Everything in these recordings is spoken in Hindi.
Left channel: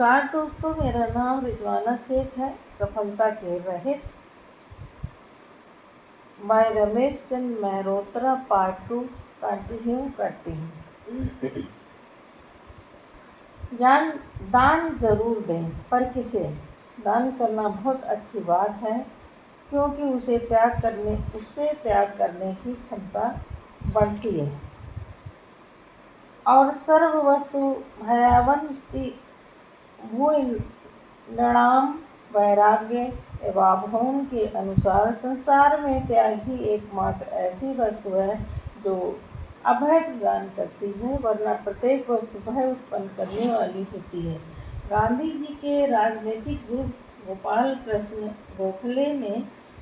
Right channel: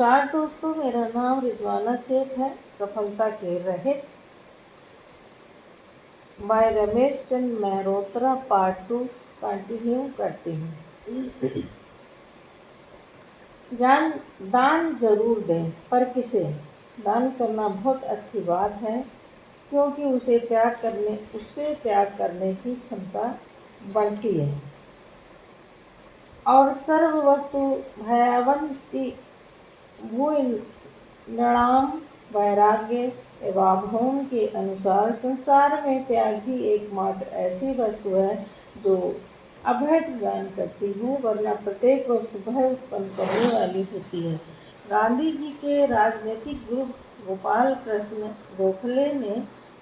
नमस्कार दोस्तों, मेरा नाम रिजवाना शेख है। सफलता के रहित मैं रमेश चंद मेहरोत्रा पार्ट 2 कंटिन्यू करती हूँ। दान जरूर दें, पर किसे? दान करना बहुत अच्छी बात है, क्योंकि उसे त्याग करने की क्षमता बढ़ती है और सर्व वस्तु भयावंती नृणाम वैराग्य एवं के अनुसार संसार में त्याग ही एकमात्र ऐसी वस्तु है जो अभय प्रदान करती है, वरना प्रत्येक वस्तु भय उत्पन्न करने वाली होती है। गांधी जी के राजनीतिक गुरु गोपाल कृष्ण गोखले ने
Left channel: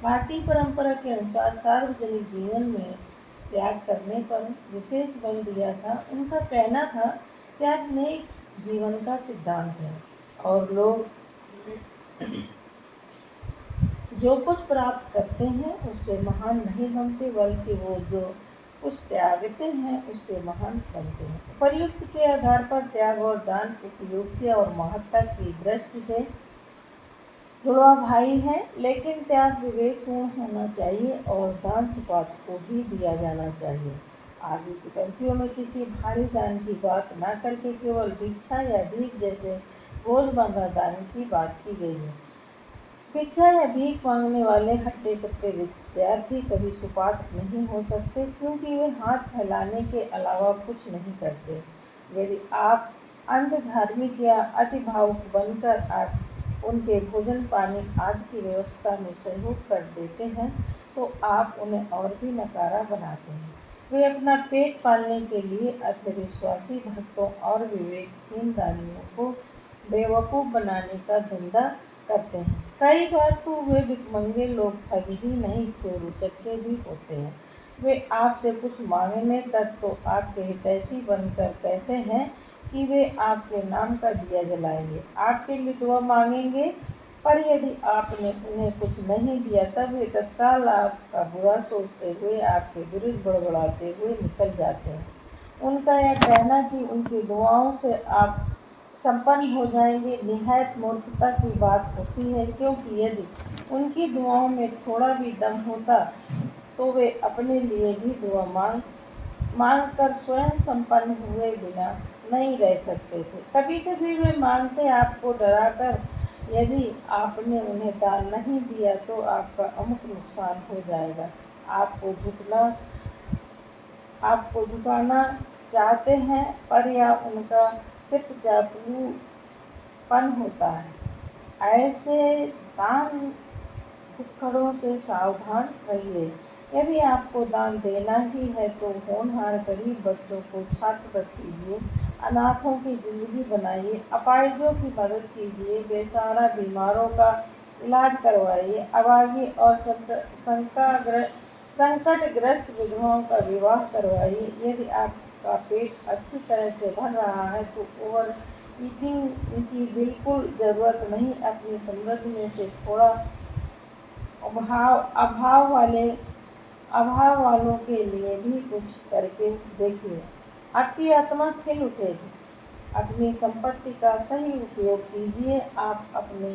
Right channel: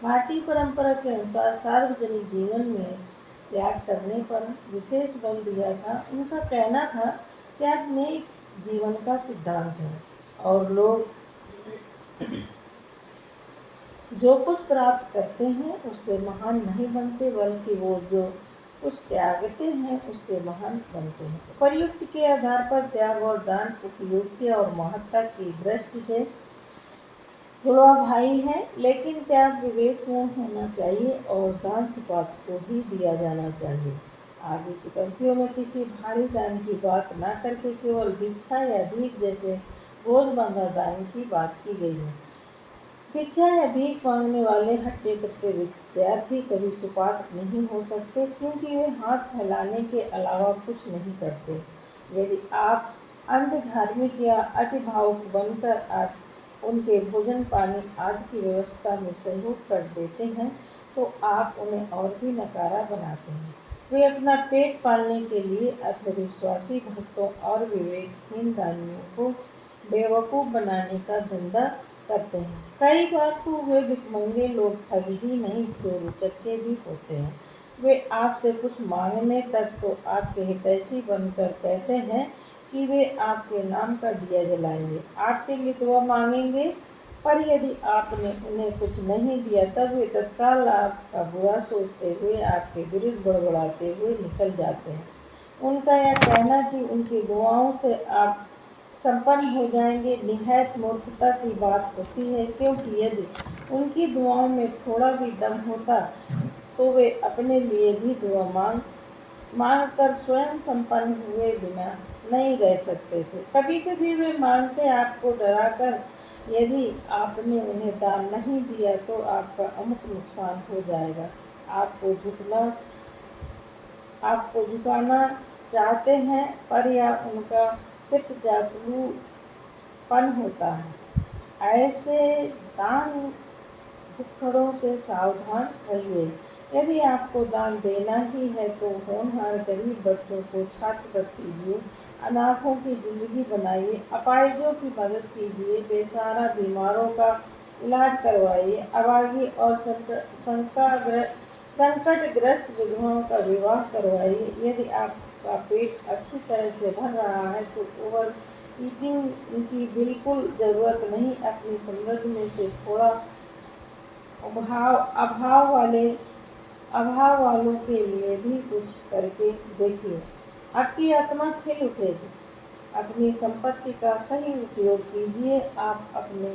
भारतीय परंपरा के अनुसार सार्वजनिक जीवन में त्याग करने पर विशेष बल दिया था। उनका कहना था, त्याग में जीवन का सिद्धांत है और लोग जो कुछ प्राप्त करते हैं उससे महान नहीं बनते, बल्कि वो जो कुछ त्यागते हैं उससे महान बनते हैं। उपर्युक्त के आधार पर त्याग और दान उपयोगिता और महत्ता की दृष्टि से जुड़वा भाई है, लेकिन त्याग विवेकपूर्ण होना चाहिए और दान सुपात्र को ही दिया जाना चाहिए। आगे की पंक्तियों में किसी भारी दान की बात न करके केवल भिक्षा या भीख जैसे रोजमर्रा दान की बात की गई है। भिक्षा या भीख मांगने वाले हट्टे कट्टे विद्यार्थी कभी सुपात्र नहीं हो सकते, क्योंकि वे हाथ फैलाने के अलावा कुछ नहीं करते। यदि आप अंध धार्मिक या अति भावुक बनकर उनके भोजन पानी आदि की व्यवस्था में सहयोग कर देते हैं, तो आप उन्हें और भी नकारा बनाते हैं। वे अपना पेट पालने के लिए अंधविश्वासी भक्तों और विवेकहीन दानियों को बेवकूफ बनाने का धंधा करते हैं। कई बार तो वे भिखमंगे लोग ठग ही नहीं, चोर-उचक्के भी होते हैं। वे आपसे कुछ मांगने तक तो आपके हितैषी बनकर कहते हैं कि वे आपके नाम का दिया जलाएंगे, आपके लिए दुआ मांगेंगे, पर यदि आपने उन्हें कुछ नहीं दिया तब वे तत्काल आपका बुरा सोचते हुए आपके विरुद्ध बड़बड़ाते हुए निकल जाते हैं। उनका यह कहना कि उनकी दुआओं से आप संपन्न हो जाएंगे निहायत मूर्खता की बात होती है, क्योंकि यदि उनकी दुआओं में थोड़ा भी दम होता तो वे अपने लिए भी दुआ मांग कर स्वयं संपन्न हुए बिना नहीं रह सकते थे। कभी कभी वे मांगते आपको डराकर, यदि आपने उन्हें दान नहीं दिया तो आपका अमुक नुकसान हो जाएगा। आपको झुकाना चाहते हैं, पर यह उनका चित्त चापलूपन होता है। ऐसे दान भुक्खड़ों से सावधान रहिए। यदि आपको दान देना ही है तो होनहार गरीब बच्चों को छात्रवृत्ति कीजिए, अनाथों की जिंदगी बनाइए, अपाहिजों की मदद कीजिए, बेसहारा बीमारों का इलाज करवाइए, अभागी और संकटग्रस्त विधवाओं का विवाह करवाइए। यदि आपका पेट अच्छी तरह से भर रहा है तो ओवर ईटिंग की बिल्कुल जरूरत नहीं। अपनी समृद्धि में से थोड़ा अभाव वालों के लिए भी कुछ करके देखिए, आपकी आत्मा खिल उठेगी। अपनी संपत्ति का सही उपयोग कीजिए। आप अपने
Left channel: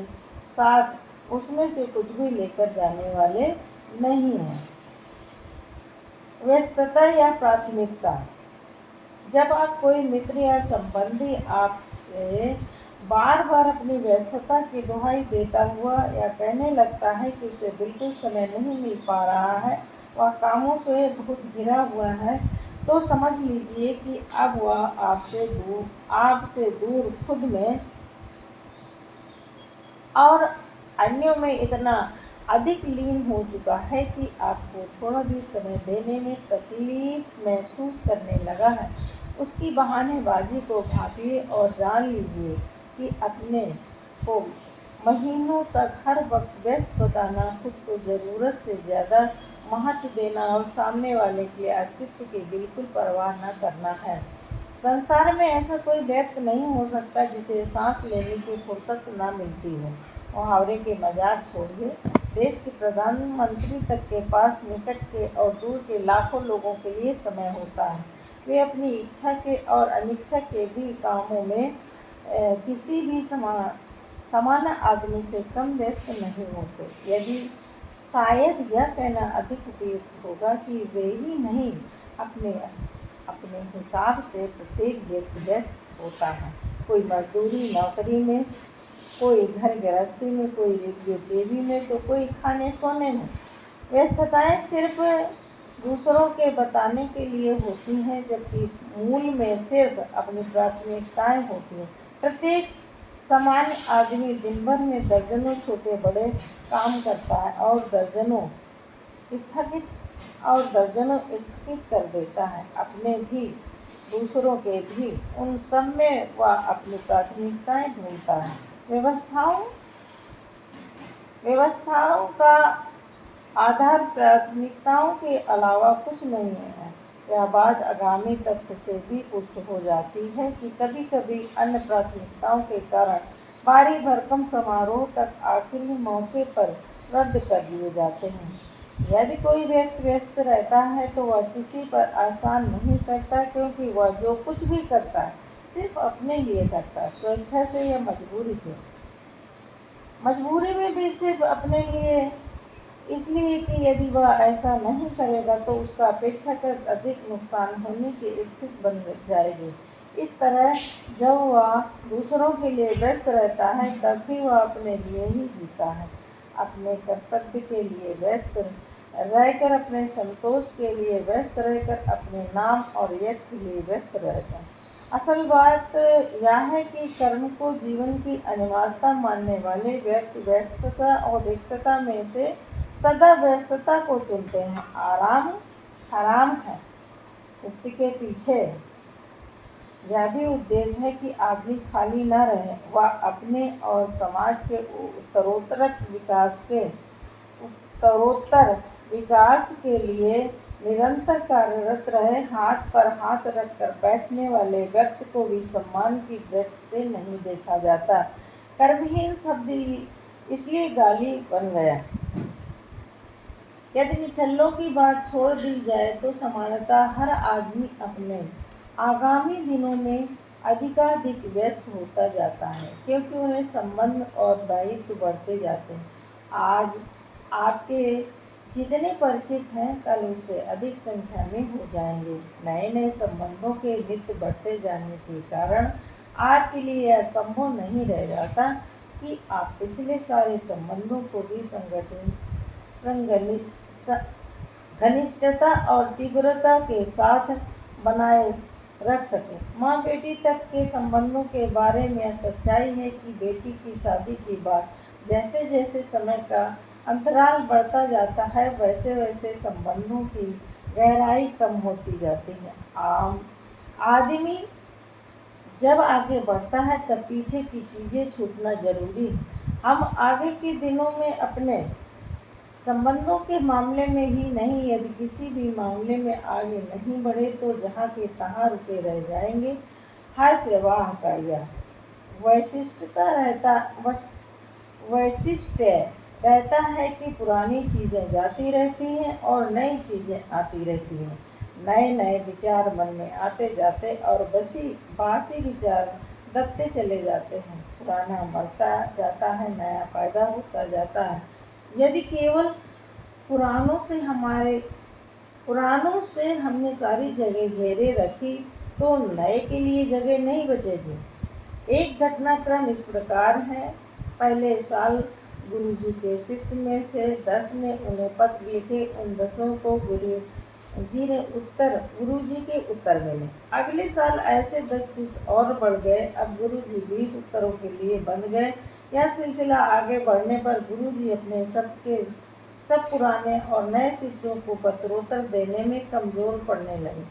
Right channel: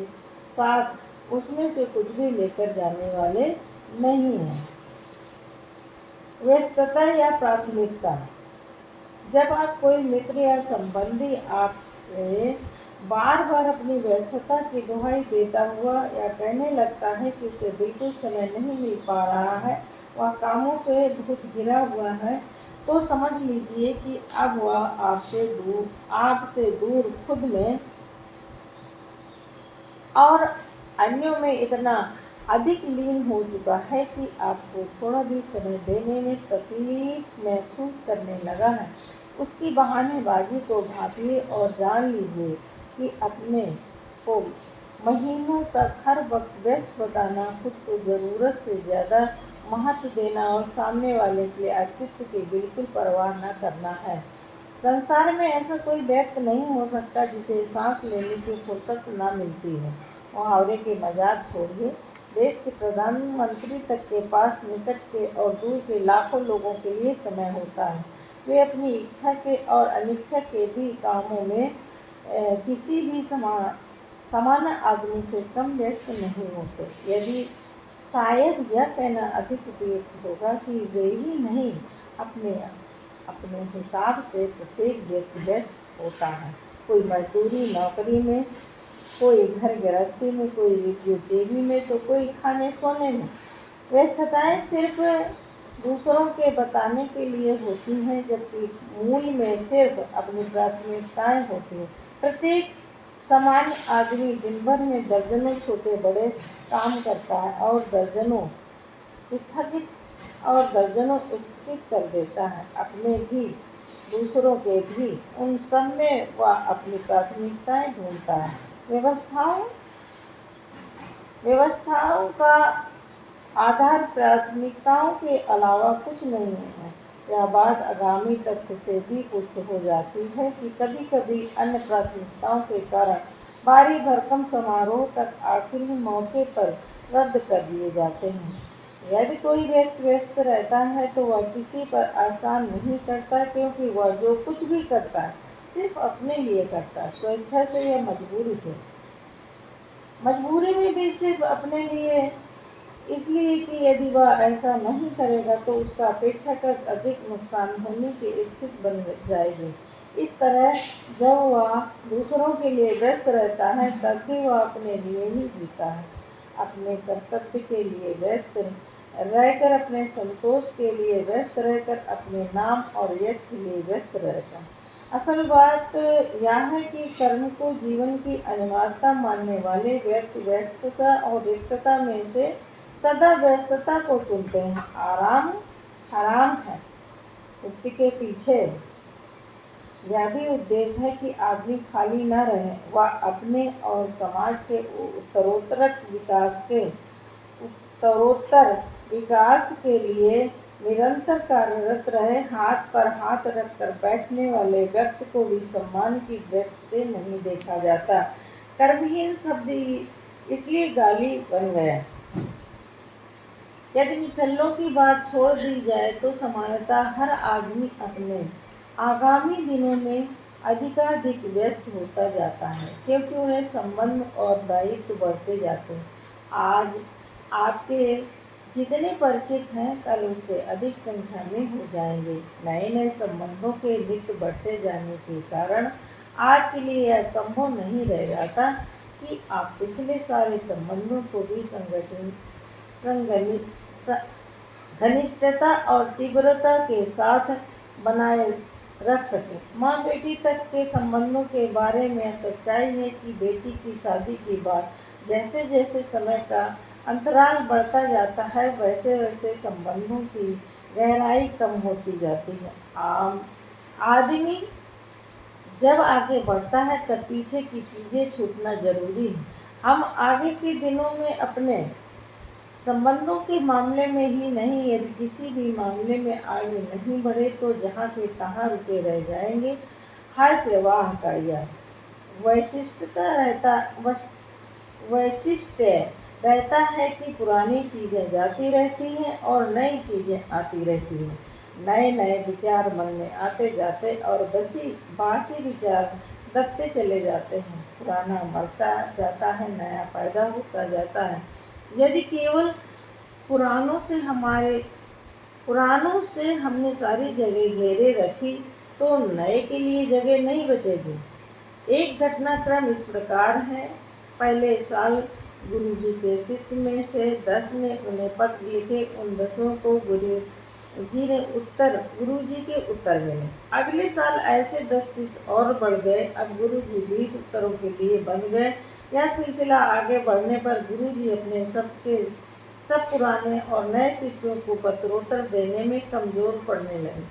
साथ उसमें से कुछ भी लेकर जाने वाले नहीं हैं। व्यस्तता या प्राथमिकता। जब आप कोई मित्र या संबंधी आपसे बार बार अपनी व्यस्तता की दुहाई देता हुआ या कहने लगता है कि उसे बिल्कुल समय नहीं मिल पा रहा है, वह कामों से बहुत घिरा हुआ है, तो समझ लीजिए कि अब वह आपसे दूर खुद में और अन्यों में इतना अधिक लीन हो चुका है कि आपको थोड़ा भी समय देने में तकलीफ महसूस करने लगा है। उसकी बहानेबाजी को भांपिए और जान लीजिए कि अपने को महीनों तक हर वक्त व्यस्त बताना, खुद को जरूरत से ज्यादा महत्व देना और सामने वाले के अस्तित्व की बिल्कुल परवाह न करना है। संसार में ऐसा कोई व्यक्ति नहीं हो सकता जिसे सांस लेने की फुर्सत न मिलती है। मुहावरे के मजाक छोड़िए। देश के प्रधानमंत्री तक के पास निकट के और दूर के लाखों लोगों के लिए समय होता है। वे अपनी इच्छा के और अनिच्छा के भी कामों में किसी भी समान आदमी से कम व्यस्त नहीं होते। यदि शायद यह कहना अधिक उपयुक्त होगा कि वे ही नहीं, अपने हिसाब से प्रत्येक व्यक्ति व्यस्त होता है। कोई मजदूरी नौकरी में, कोई घर गृहस्थी में, कोई रेडियो टीवी में, तो कोई खाने सोने में। व्यस्तताएं सिर्फ दूसरों के बताने के लिए होती हैं, जबकि मूल में सिर्फ अपनी प्राथमिकताएं होती हैं। प्रत्येक सामान्य आदमी दिन भर में दर्जनों छोटे बड़े काम करता है और दर्जनों स्थगित कर देता है, अपने भी दूसरों के भी। उन सब में वह अपनी प्राथमिकताएं ढूंढता है। व्यवस्थाओं का आधार प्राथमिकताओं के अलावा कुछ नहीं है। यह बात आगामी तथ्य से भी पुष्ट हो जाती है कि कभी-कभी अन्य प्राथमिकताओं के कारण भारी भरकम समारोह तक आखिरी मौके पर रद्द कर दिए जाते हैं। यदि कोई व्यस्त रहता है तो वह किसी पर एहसान नहीं करता, क्योंकि वह जो कुछ भी करता है सिर्फ अपने लिए करता है, स्वेच्छा से या मजबूरी से। मजबूरी में भी सिर्फ अपने लिए, इसलिए कि यदि वह ऐसा नहीं करेगा तो उसका अपेक्षाकृत अधिक नुकसान होने की स्थिति बन जाएगी। इस तरह जब वह दूसरों के लिए व्यस्त रहता है तब भी वह अपने लिए ही जीता है, अपने कर्तव्य के लिए व्यस्त रहकर, अपने संतोष के लिए व्यस्त रहकर, अपने नाम और यश के लिए व्यस्त रहकर। असल बात यह है कि कर्म को जीवन की अनिवार्यता मानने वाले व्यक्ति व्यस्तता और रिक्तता में से सदा व्यस्तता को चुनते हैं। आराम हराम है। इसके पीछे यह भी उद्देश्य है कि आदमी खाली न रहे, वह अपने और समाज के उत्तरोत्तर विकास के लिए निरंतर कार्यरत रहे। हाथ पर हाथ रखकर बैठने वाले व्यक्ति को भी सम्मान की दृष्टि से नहीं देखा जाता। कर्महीन शब्द इसलिए गाली बन गया। यदि निचल्लों की बात छोड़ दी जाए तो सामान्यतः हर आदमी अपने आगामी दिनों में अधिकाधिक व्यस्त होता जाता है, क्योंकि उन्हें संबंध और दायित्व बढ़ते जाते हैं। आज आपके जितने परिचित हैं कल उससे अधिक संख्या में हो जाएंगे। नए संबंधों के नित्य बढ़ते जाने के कारण आज के लिए यह संभव नहीं रह जाता कि आप पिछले सारे संबंधों को भी घनिष्ठता और तीव्रता के साथ बनाए रख सके। माँ बेटी तक के संबंधों के बारे में सच्चाई है कि बेटी की शादी के बाद जैसे जैसे समय का अंतराल बढ़ता जाता है वैसे वैसे संबंधों की गहराई कम होती जाती है। आदमी जब आगे बढ़ता है तब पीछे की चीजें छूटना जरूरी है। हम आगे के दिनों में अपने संबंधों के मामले में ही नहीं, यदि किसी भी मामले में आगे नहीं बढ़े तो जहाँ के तहाँ रुके रह जाएंगे। हर प्रवाह का यह वैशिष्ट्य रहता है कि पुरानी चीजें जाती रहती हैं और नई चीजें आती रहती हैं। नए विचार मन में आते जाते और बासी विचार दबते चले जाते हैं। पुराना मरता जाता है, नया पैदा होता जाता है। यदि केवल पुरानों से हमने सारी जगह घेरे रखी तो नए के लिए जगह नहीं बचेगी। एक घटनाक्रम इस प्रकार है। पहले साल गुरुजी के शिष्य में से 10 ने उन्हें पत्र लिखे। उन 10 को गुरुजी के उत्तर मिले। अगले साल ऐसे 10 शिष्य और बढ़ गए। अब गुरुजी 20 उत्तरों के लिए बन गए। यह सिलसिला आगे बढ़ने पर गुरुजी अपने सब पुराने और नए शिष्यों को पत्रोत्तर देने में कमजोर पड़ने लगे।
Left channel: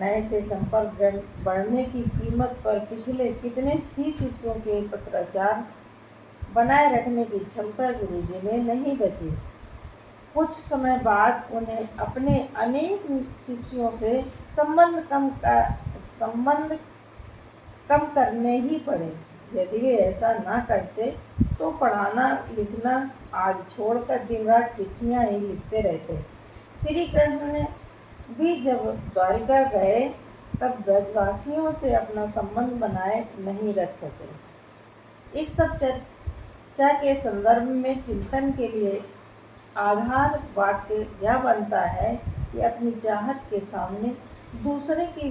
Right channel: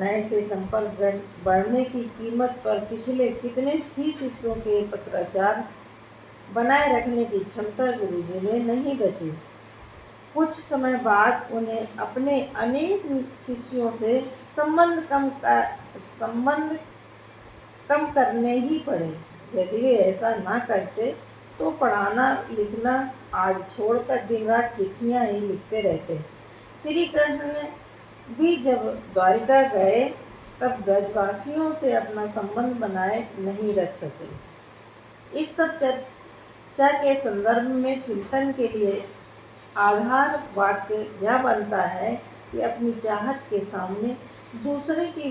नए से संपर्क बढ़ने की कीमत पर पिछले कितने ही शिष्यों के पत्राचार बनाए रखने की क्षमता गुरुजी में नहीं बची। कुछ समय बाद उन्हें अपने अनेक शिष्यों से संबंध कम करने ही पड़े। यदि वे ऐसा न करते तो पढ़ाना लिखना आज छोड़कर दिन रात चिट्ठियां ही लिखते रहते। श्री कृष्ण भी जब द्वारिका गए तब ब्रजवासियों से अपना संबंध बनाए नहीं रख सके। इस सब चर्चा के संदर्भ में चिंतन के लिए आधार वाक्य यह बनता है कि अपनी चाहत के सामने दूसरे की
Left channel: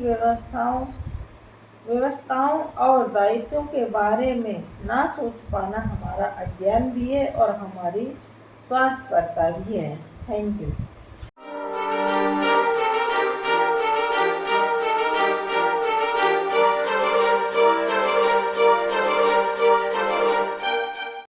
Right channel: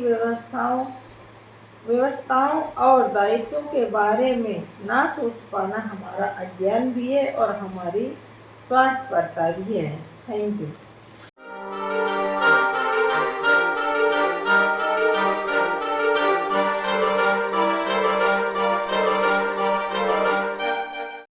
व्यवस्थाओं और दायित्वों के बारे में ना सोच पाना हमारा अज्ञान भी है और हमारी स्वार्थपरता भी है। Thank you.